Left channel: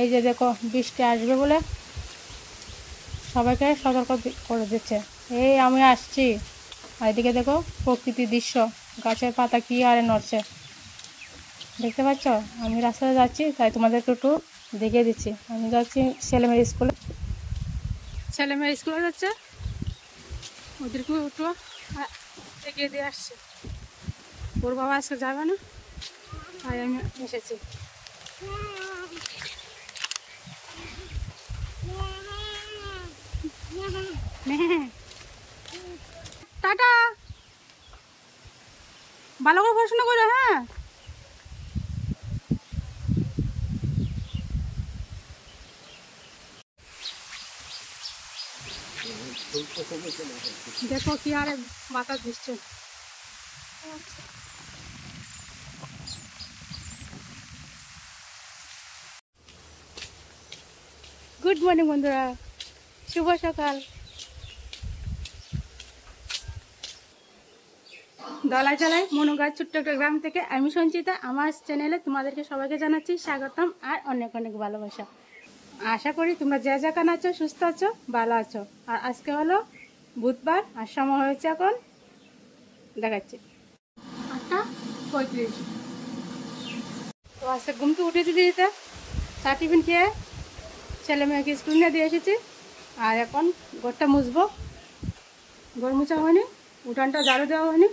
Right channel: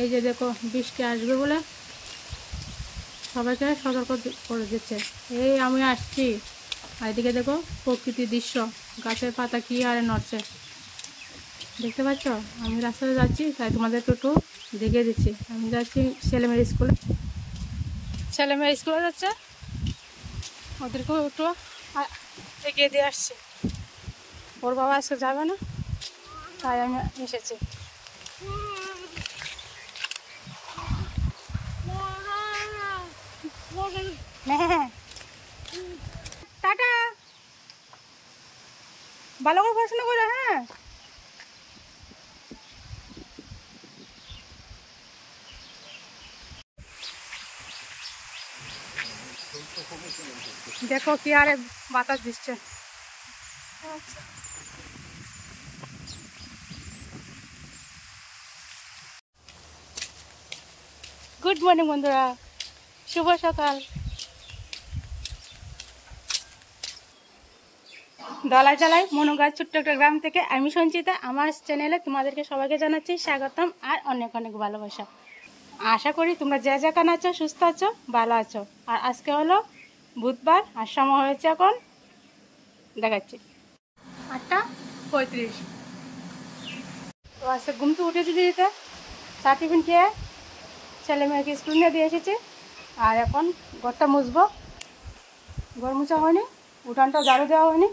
এই যে দেখো বৃষ্টি আসবে বলে সবাইকে সতর্ক করে দিচ্ছে। এই আমি আসছি, আর এদিকে দেখো প্রকৃতির দৃশ্য, গাছের পাতা কি হারে নড়ছে দেখতে পাচ্ছ। আমি রাস্তায় যাচ্ছি তাই তোমাদের একটু দেখিয়ে দিচ্ছি। আমি যাচ্ছি ছেলেমেয়ের স্কুলে, ছেলেমেয়ের স্কুলে যাচ্ছে, ওদেরকে একটু এগিয়ে দিয়ে আসছি। ওর বাবা আজকে যাবে না তাই আমি এসেছি। টাটা, ভালো করে পড়াশোনা করো। হ্যাঁ, দেখো কি আরে বাতাস দিচ্ছে। গুড মর্নিং বন্ধুরা, শুভ সকাল। দলাই চালাই মনুগাছ ছোট্ট একটা গ্রাম থেকে আমি সঞ্চিতা। আমার চ্যানেলে তোমাদেরকে সবাইকে জানাচ্ছি স্বাগতম আর অনেক অনেক ভালোবাসা। আশা করি তোমরা যে যেখানে আছো সুস্থ আছো, ভালো আছো। আর আজকে হলো বুধবার আর সময় হয়েছে এখন দেখাচ্ছি 8:35। তো আজকে ঘুম তো উঠেছি দিদিতে, চা টিফিন খেয়ে ছেলে মেয়েকে স্কুল নিয়ে দিয়ে এসেছি। আর এখন ঘরটা মুছবো, ঘর মুছা হয়নি, উঠানটা ঝাড়ু দেওয়া হয়নি।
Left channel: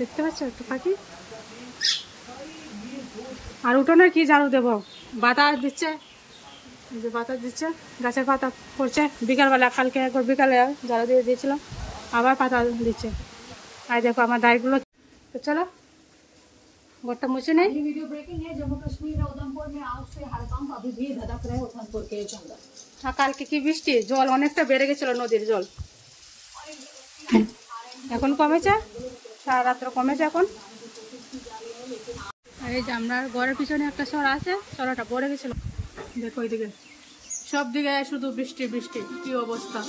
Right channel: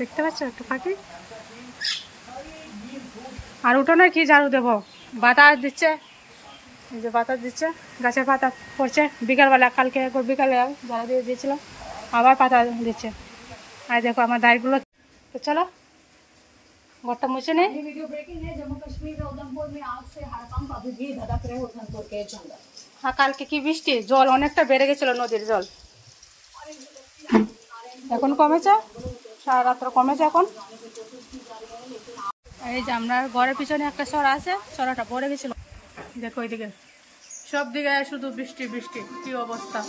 দেখতে পাচ্ছ একটু পাখি। আর উঠোনে কি ঝাড়ু দেবো, বাতাস দিচ্ছে, এই যে বাতাস দিচ্ছে, গাছের পাতা পড়ছে। বিকালবেলা কালকে একবার বিকালে ঝাড়ু দিয়ে দিয়েছিলাম, আবার পাতা দিচ্ছে। আর দেখো আমার দাঁড়গুলো। তো চলো ঘরটা মুছে নেই। হ্যাঁ, কালকে কি বৃষ্টি, জল অনেকটা বেড়ে গেছিল, নদীর জল এখন কমেছে, সারা রাত্র কমেছে এখন। এই যে আমরা ঘরের পিছনে একটা সরা আছে, সরাটা পড়ে গেছিল। দেখো ওইদিকে সব দিকে শুধু বৃষ্টি বৃষ্টি, কি অবস্থা।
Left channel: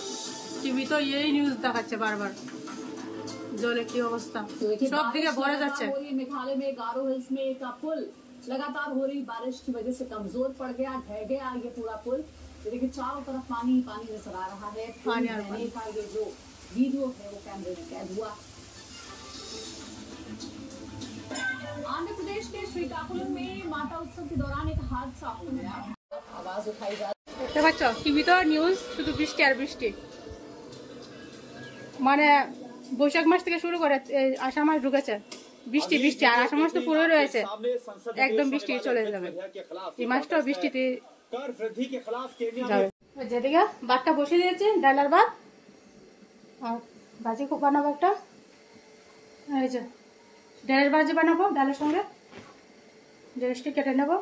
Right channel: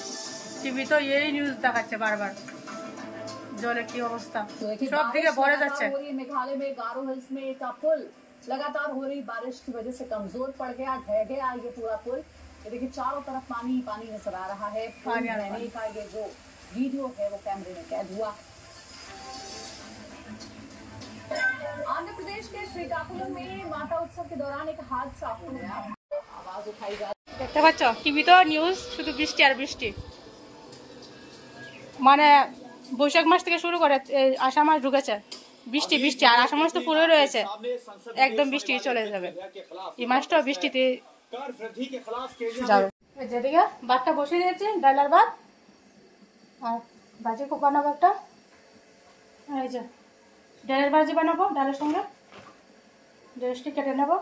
টিভি তো এই নিউজ দেখাচ্ছে বারবার, জলে কি অবস্থা, সব দিকে ভরে যাচ্ছে। मेघालय में गारो हिल्स में एक पुल लगातार हो रही बारिश की वजह से कमजोर पड़ गया, ढह गया ये पूरा पुल। ये देखिए चारों तरफ पानी ही पानी नजर आ रहा है। पानी का ये जो वीडियो है वो कैमरे में कैद हुआ। आंध्र प्रदेश के श्रीकाकुलम में माता उत्सव के दौरान एक हादसा हो गया। आवाज उठाई जा দেখতে পাচ্ছ টিভি তো নিউজ শুধু বৃষ্টি আর বৃষ্টি। মানে বৈশাখ মাস থেকে শুরু করে আষাঢ় মাস ঢুকেছে, বৃষ্টি বৃষ্টি, আর আষাঢ় মাস তো পুরো রয়েছে, একদম বৃষ্টি চলে যাবে। এই মাসটাও বৃষ্টিতে যাবে। যেদিকে ভাতটা বসে দিয়েছি, ডালের ভাত, আর ভাজি বানাবো একটা। এই যে ডালের ভাজি বানাবো, ডালের সঙ্গে ড্রেসটি কেটে নেবো।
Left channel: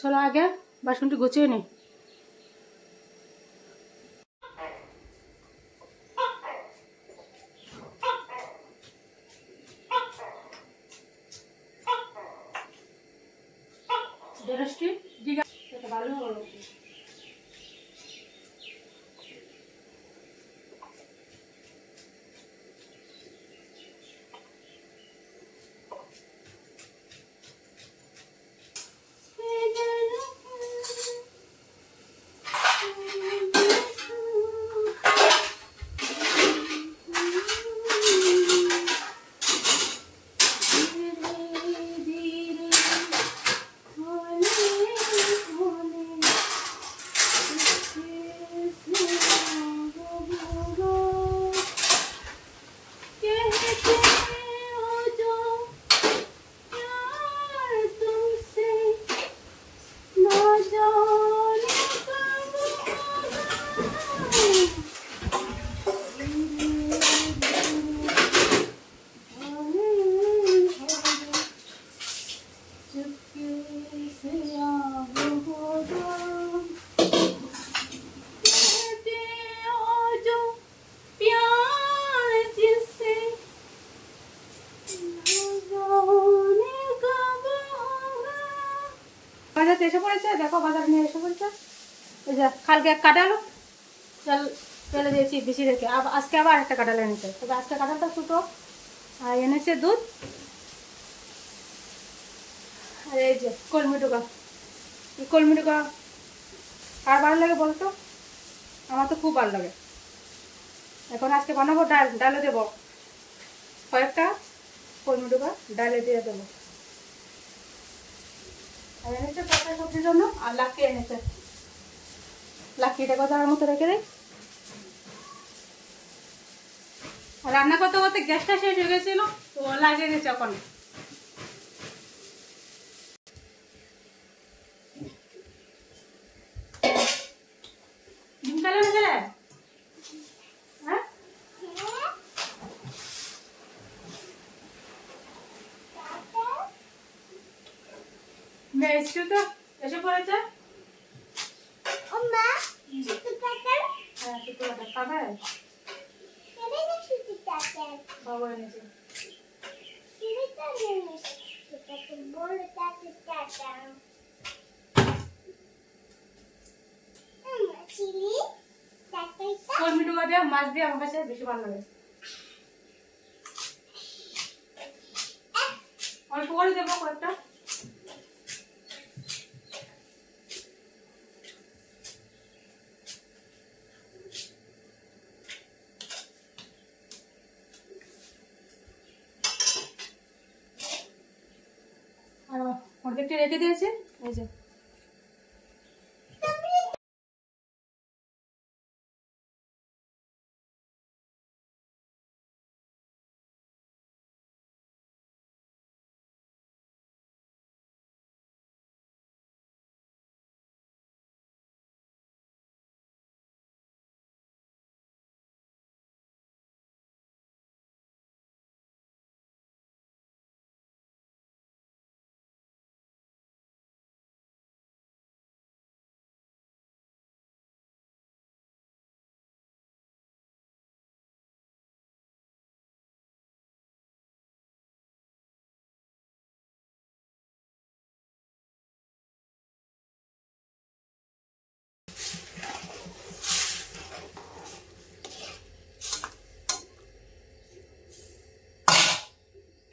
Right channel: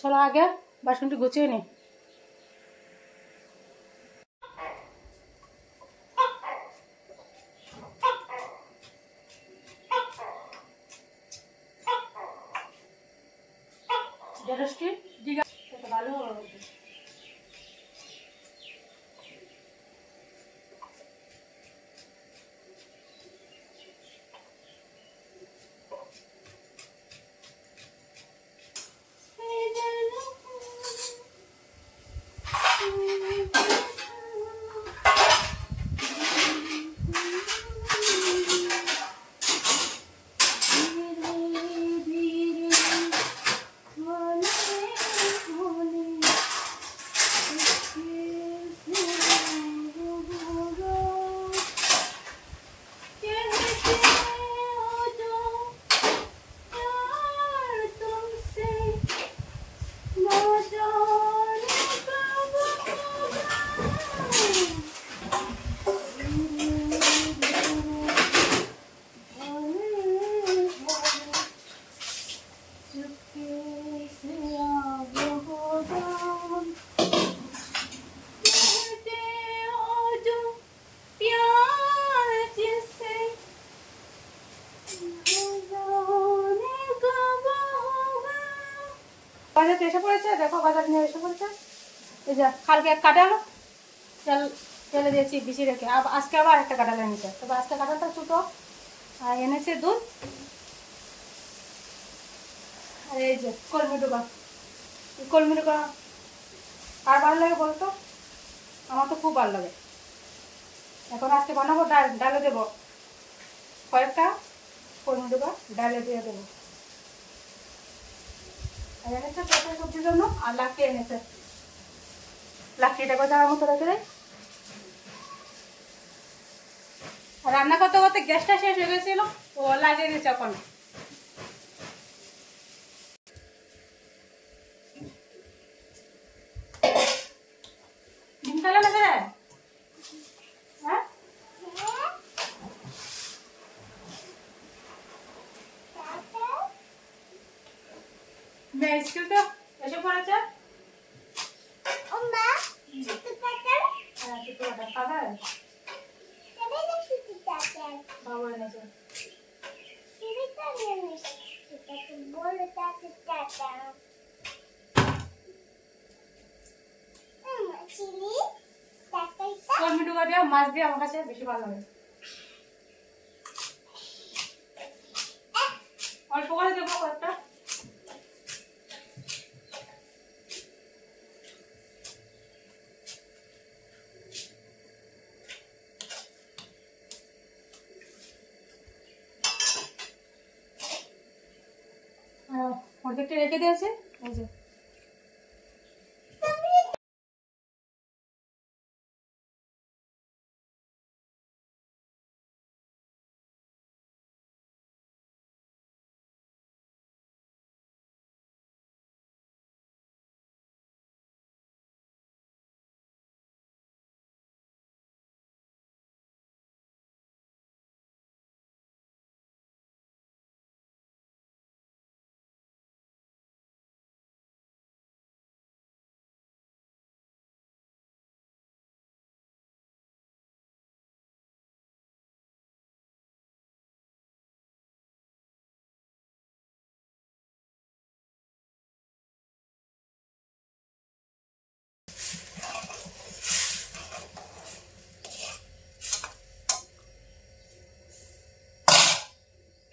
চলো আগে বাসনটি গুছিয়ে নিই। ড্রেসটি দিঘা ভালো হবে। বাজার এসে পড়েছে, দেখো বাজার নিয়ে এসে পড়েছে। এই যে কালকে এক কাঁঠাল তেল ফেলে দিয়েছি বেশি রেখে, আজকে আবার একটা কাঁঠাল এনেছে, তবে আজকে কাঁঠালটা ছোটো। আর এনেছে দুধ, আর এই যে কলমি ডোকা। কলমি ডোকা আর ভালো লাগে বলতো? আমার তো খুব ভালো লাগে। এখন আজকে বানাবো ডাল, ডালে দেবো কয়েকটা কলমি ডোকা, ডালে দিয়ে দেবো। আর এনেছে তরকারি সবজির জন্য, আর লাকড়ি এনেছে, লাকড়িটা কথা আমার মতো রেখে দেয়। আর রান্না করতে করতে গ্যাসটা শেষ হয়ে গেছিল, তো লাগিয়ে দিচ্ছে এখন। ডিম খেলে না রে? হ্যাঁ, মেয়ে স্কুল তো এসে পড়েছে। খাবে বাবু এনেছে। কলমি ডোকা দিয়ে মাছ দিয়ে আমার কাছে বেশি ভালো লাগে। অল্প করে দেবো কয়েকটা। অর্ধেকটা রেখে দিয়েছে, এই যে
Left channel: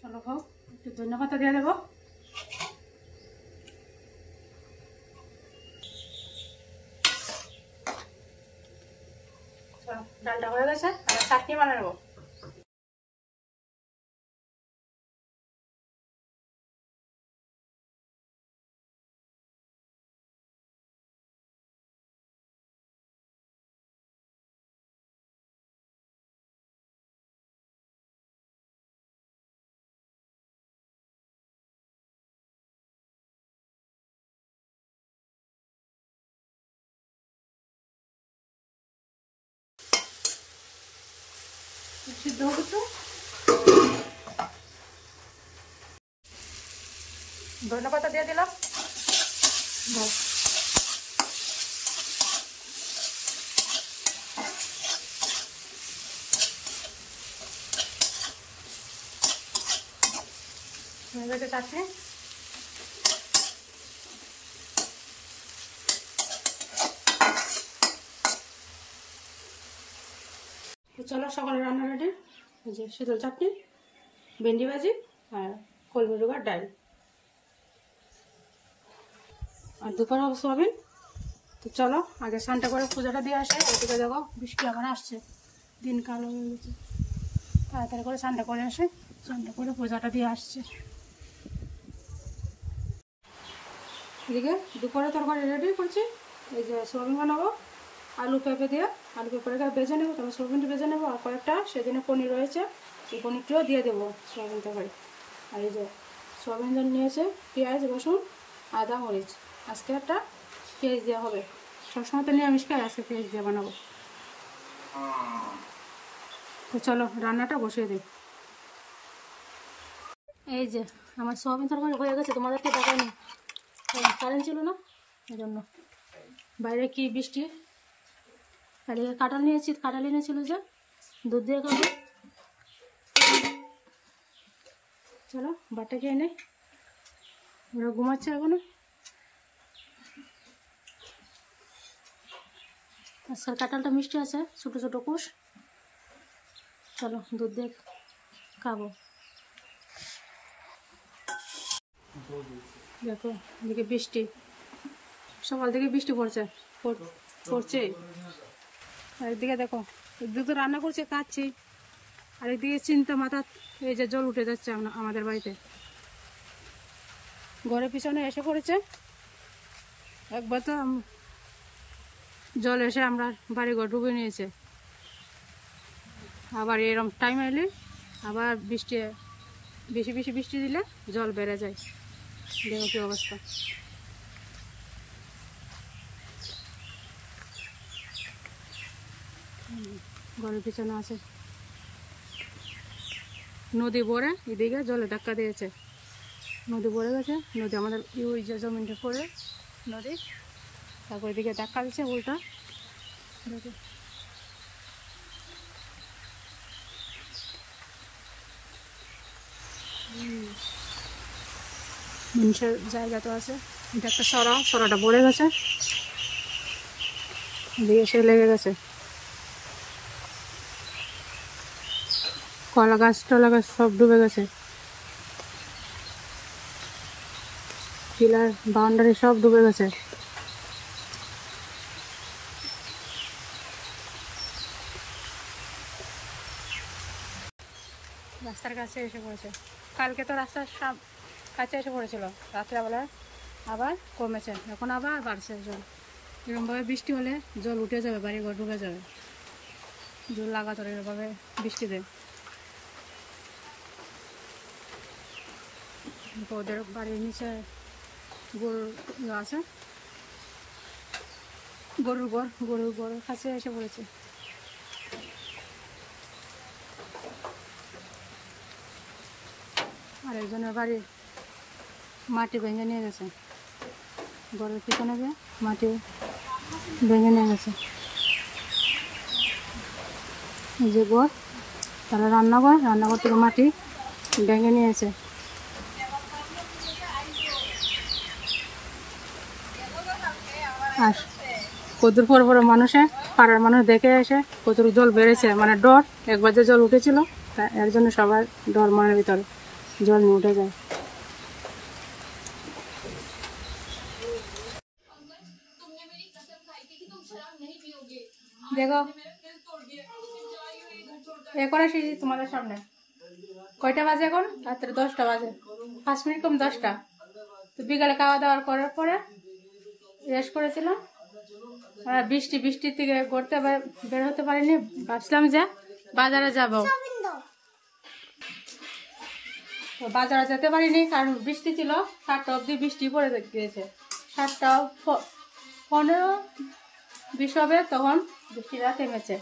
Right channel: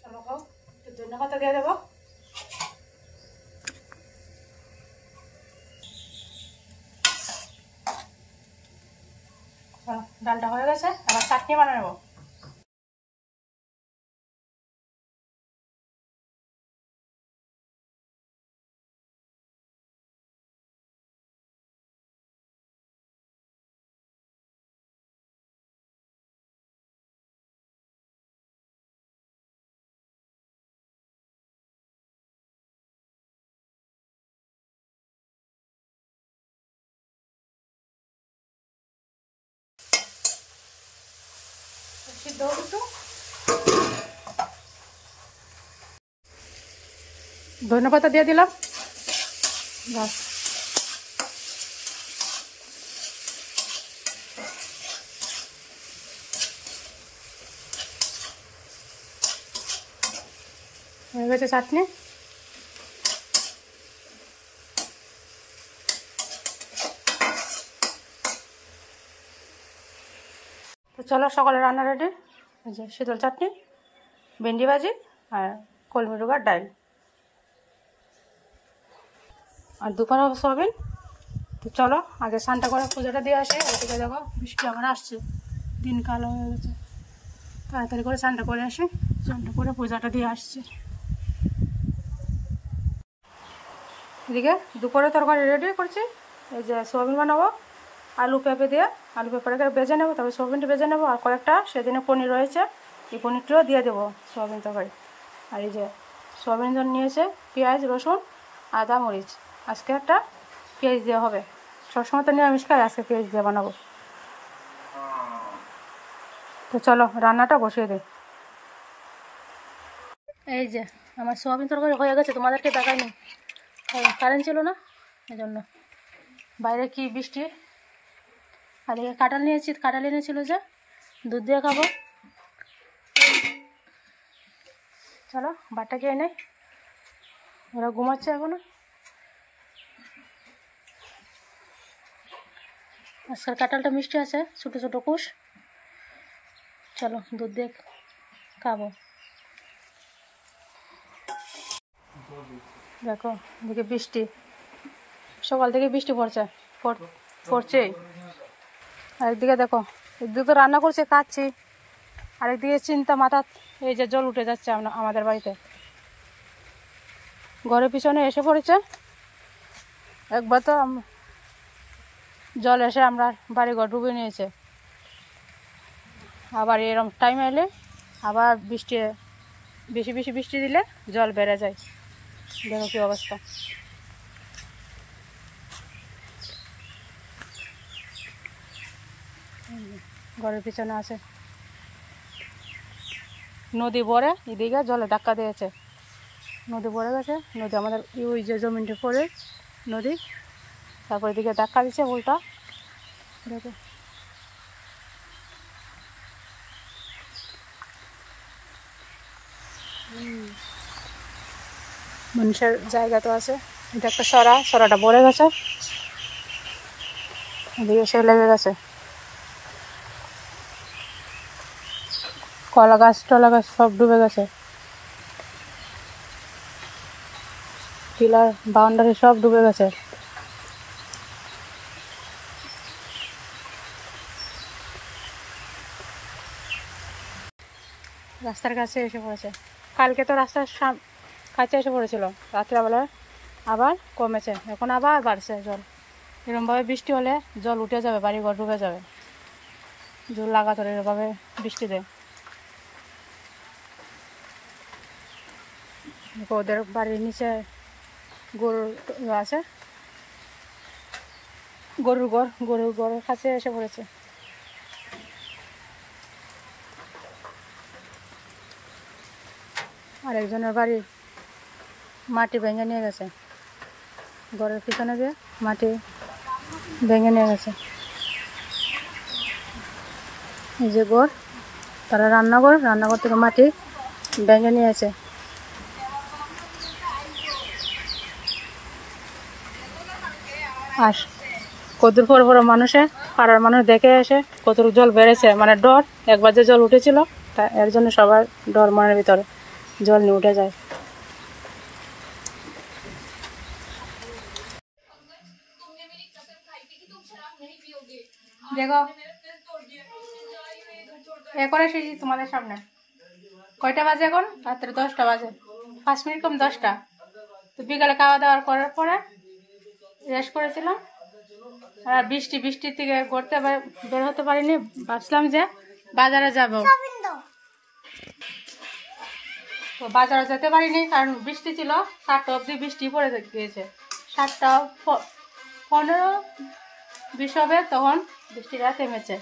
চলো হোক, একটু ধনে পাতা দিয়ে দেবো। ডালটা হয়ে গেছে, আবার চাটনি বানিয়ে নেবো। সিদ্ধ হোক একটু, ধনে পাতা দিয়ে দিলাম। হয়ে গেছে চাটনি। তো চলো, সকালে রান্না রেডি। এই যে শীতল চাটনি, ভেন্ডি ভাজি, আর কলমি ডোকার ডাল, আর দুপুরে হবে সোয়াবিন। তো চলো আগে স্নানটা করে পূজাটা দিয়ে আসে। এটা দেখো বৃষ্টি আবার আসছে, দিন কালো হয়ে গেছে, তাড়াতাড়ি করে স্নানটা করে আসে। স্নানটা করে পূজাটা দিয়ে আসছে। এদিকে দুপুরে তরকারি রেডি করছি। এই যে সোয়াবিন বানাবো আলু পেঁপে দিয়ে, আলু পেঁপেটাকে বেজে নেবো, তারপরে সোয়াবিনটা বেজে নেবো। আর কয়েকটা সেদিনে পনির রয়েছে, এই পনিরটিও দিয়ে দেবো সোয়াবিন তরকারি। আর এই যে সোয়াবিন জন্য নিয়েছে পেঁয়াজ, রসুন, আদা, মরিচ। আজকে একটা পেঁয়াজ দেওয়া হবে, সবসময় তো নিরামিষ খাই, আজকে পেঁয়াজ দিয়ে বানাবো। তো চলো রান্নাটা বসিয়ে দিই। এই যে আমার সোয়াবিন তরকারি হয়ে গেছে, তোমাদেরকে দেখায়নি, কারেন্ট ছিল না, এই জন্য। বাইরে কি বৃষ্টি। আর এদিকে কাঁঠাল নিয়েছি, কাঁঠাল এনেছিল যে দুধ দিয়ে খাবো। চলো ভাতটা খেয়ে নেই, ওরা ঘুমাচ্ছে এখনো। আজকের কাঁঠালটা মিষ্টি আছে, ছোটো ছোটো কুশ। চলো দুধ দিয়ে খাবো। দেখো এদিকে বৃষ্টি, সকাল থেকে বৃষ্টি পড়ছে। আর একদিকে দেখো, একদিকে তো রান্না করছে খাচ্ছি, আরেকদিকে চিন্তা মাথা, এই যে জল উঠে যাচ্ছে আমাদের বাড়িতে, ঘরের পিছনে এসে পড়েছে। একবার তো জল এসে আমরা বাড়িঘর ডুবে নিয়েছে, আবার এরকম টাইম এলে আবার বেশি বৃষ্টি দিলে জল বেড়ে যায়। দেখো কি অবস্থা। ঘরের পিছনে আছে নদী, ভরে এদিকে জলে ধাক্কা দিয়েছে, নদী ভরে গেছে। নদী আমাদের ওই যে জমিনটা পড়ে নদী, তারপর এদিকে ধাক্কা দিচ্ছে উল্টা। দেখো মানুষের জায়গা তো আছে। এটা একটা সরাটা ভরে গেছে, এদিকে এসে লেগে গেছে। কলা গাছ টলা গাছ সব ডুবে গেছে, পিলার বাউন্ডারি সব ডুবে গেছে। রাস্তার কাছে এসে পড়েছে, কালকে তো রাস্তার কাছে এসে পড়েছিল, রাত্রেবেলা আবার কমেছে, এখন আবার বাড়ছে জল। এরকমভাবে বৃষ্টি হলে জল উঠে যাবে, বাড়িঘর ডুবে যাবে, জল লাগাতার এরভাবে বৃষ্টি দেয়। ওদের বাড়ির নিচে গরু আছে, গরুর ঘরের কাছে এসে পড়েছে। আর একজনের বাড়ির মাটি ভেঙে নিয়ে গেছে, ঘরের পিছনে গিয়ে মাটি ভেঙে নিয়ে গেছে। এই যে ঘর, তারা রান্নাঘর থেকে মাটি ভেঙে নিয়েছে। আর কতদূর পর মানুষে পাড়ার মানুষ দেখে এসে কতটুকু জল বেড়েছে, মানে ডর, একবার যে জল উঠেছিল তা এর জন্য সবার ডর, মনের ভিতরে জল নিয়ে উঠে যায়। দেখো এখন এসেছি তোমাদের সামনে, কয়টা বাজে এখন? রাত্রে 10টা বাজে, 5 মিনিট কম 10টা। তো বিকালে খাওয়া দাওয়ার করার পরে রেস্ট করেছিলাম। আর বৃষ্টি থেকে ঘুরতে বের হতে পারিনি, ভাবছিলাম যে বাজারে যাব, তো বাজারে যেতে পারিনি কারণ বৃষ্টি ছিল। 7টা অবধি বৃষ্টি পড়ে গিয়েছে, 7:15-20 হবে তখন বৃষ্টিটা থেমেছে।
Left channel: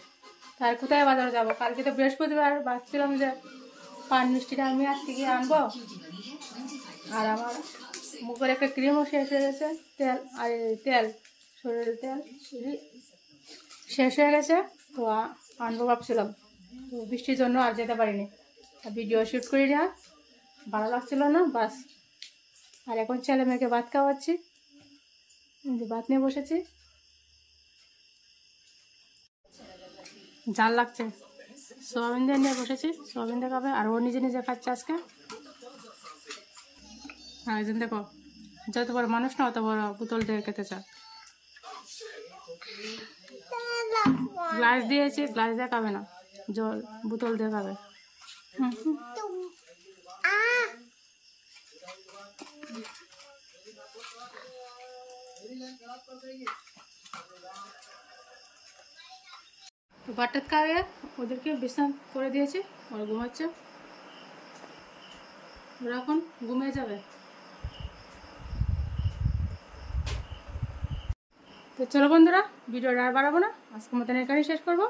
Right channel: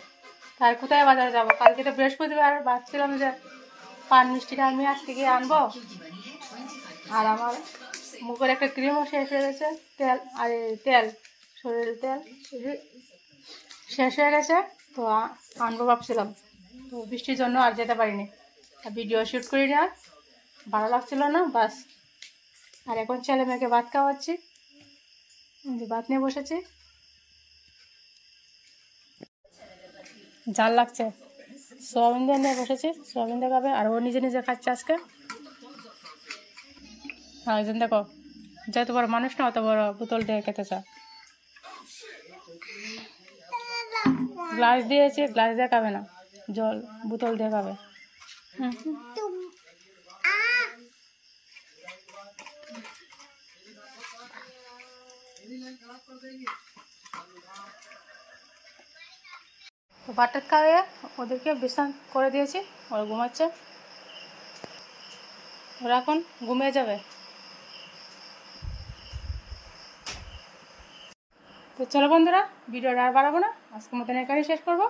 তাই কোথায় বাজারে যাব? কালকে তো বৃহস্পতিবার, ভাবছিলাম যে পান মিষ্টিটা আমি আজকে গিয়ে আনবো। আর আমার মুখের একটা ক্রিমও শেষ হয়ে গেছে, তেল শরীরের তেল শেষ হয়ে গেছে, তো আনবো ভাবছিলাম। তো বৃষ্টির জন্য আর যেতে পারিনি, ভিডিও শ্যুট করি না, ভালো লাগছিল না, বাস। আর এখন ছেলে মেয়েকে ভাত খাওয়াচ্ছি, ভাত নিয়ে বসেছি। জাল লাগছে, সোয়াবিন দিয়ে নিয়ে বসেছি, সোয়াবিন দিয়ে খাবে। আর ও নিজে খাচ্ছে আজকে। আর একজন দেখো, যত বড় মানুষ না অত বড় বোতল দিয়ে খেতে চায়। গ্লাস দিয়েছি, গ্লাস দিয়ে খাবে না, জল বোতল দিয়ে খাবে। তো ভাত খাইয়ে ওদেরকে বিশ্রাম করে দিয়েছি, ওরা ঘুমাচ্ছে, ওরা এখন ঘুমিয়ে যাবে। তো চলো বন্ধুরা, ভিডিওটা আর বাড়াবো না, আজকের মতন এখানেই শেষ করবো।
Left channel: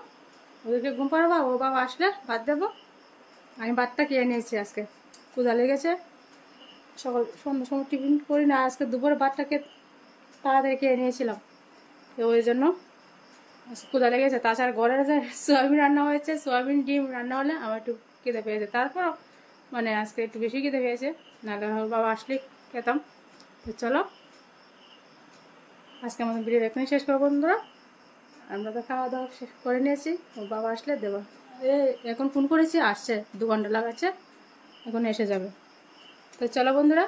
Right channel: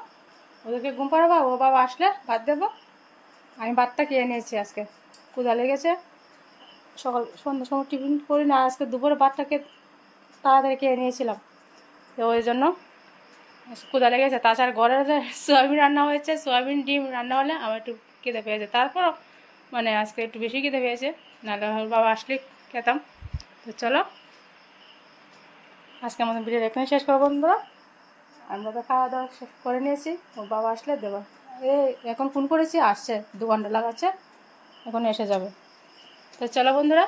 ওদেরকে ঘুম পাড়াবো, ও বাবা আসলে ভাত দেবো। আমি ভাতটা খেয়ে নিয়েছি, আজকে ক্ষুধা লেগেছে, সন্ধ্যার সময় টিফিন করি না, আজকে দুপুরে ভাতটাকে তাড়াতাড়ি খেয়ে নিয়েছিলাম, তো ওই জন্য ক্ষুধা লেগেছে। তাছাড়া ঘরের যে সোয়াবিন রান্না হয়েছে, সোয়াবিন ডিম রান্না হলে আমার একটু খিদে পেয়েছে, তারপরও মানে আজকে একটু বেশি খিদে পেয়েছে, নাহলে ওর বাবা আসলে খেতাম। তো চলো আজকে আমাদের ভিডিও এখানে শেষ করবো বন্ধুরা, আমরা তো খাওয়া দাওয়া শেষ করে নিয়েছি, ওর বাবা আসলে দেবো। এখন ফোন করেছি, আসছে, 2 ঘন্টা লাগাচ্ছে, এখন এসে যাবে। তো চলো বন্ধুরা,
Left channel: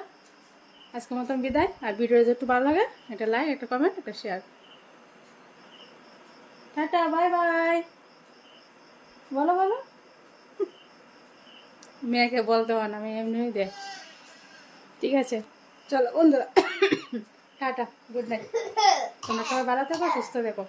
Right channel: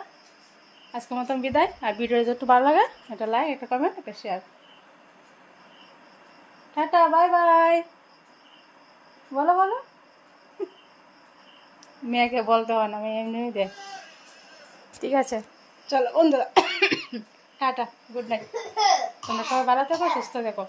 আজকের মতন বিদায়। আর ভিডিও যদি একটু ভালো লাগে একটা লাইক, একটা কমেন্ট, একটা শেয়ার। Tata, bye bye. বলো বলো। মেয়েকে বলতে হয় না, আমি এমনি দে। ঠিক আছে, চলো বন্ধুরা, টাটা, গুড নাইট। তোমরা সবাই ভালো থেকো, সুস্থ থেকো।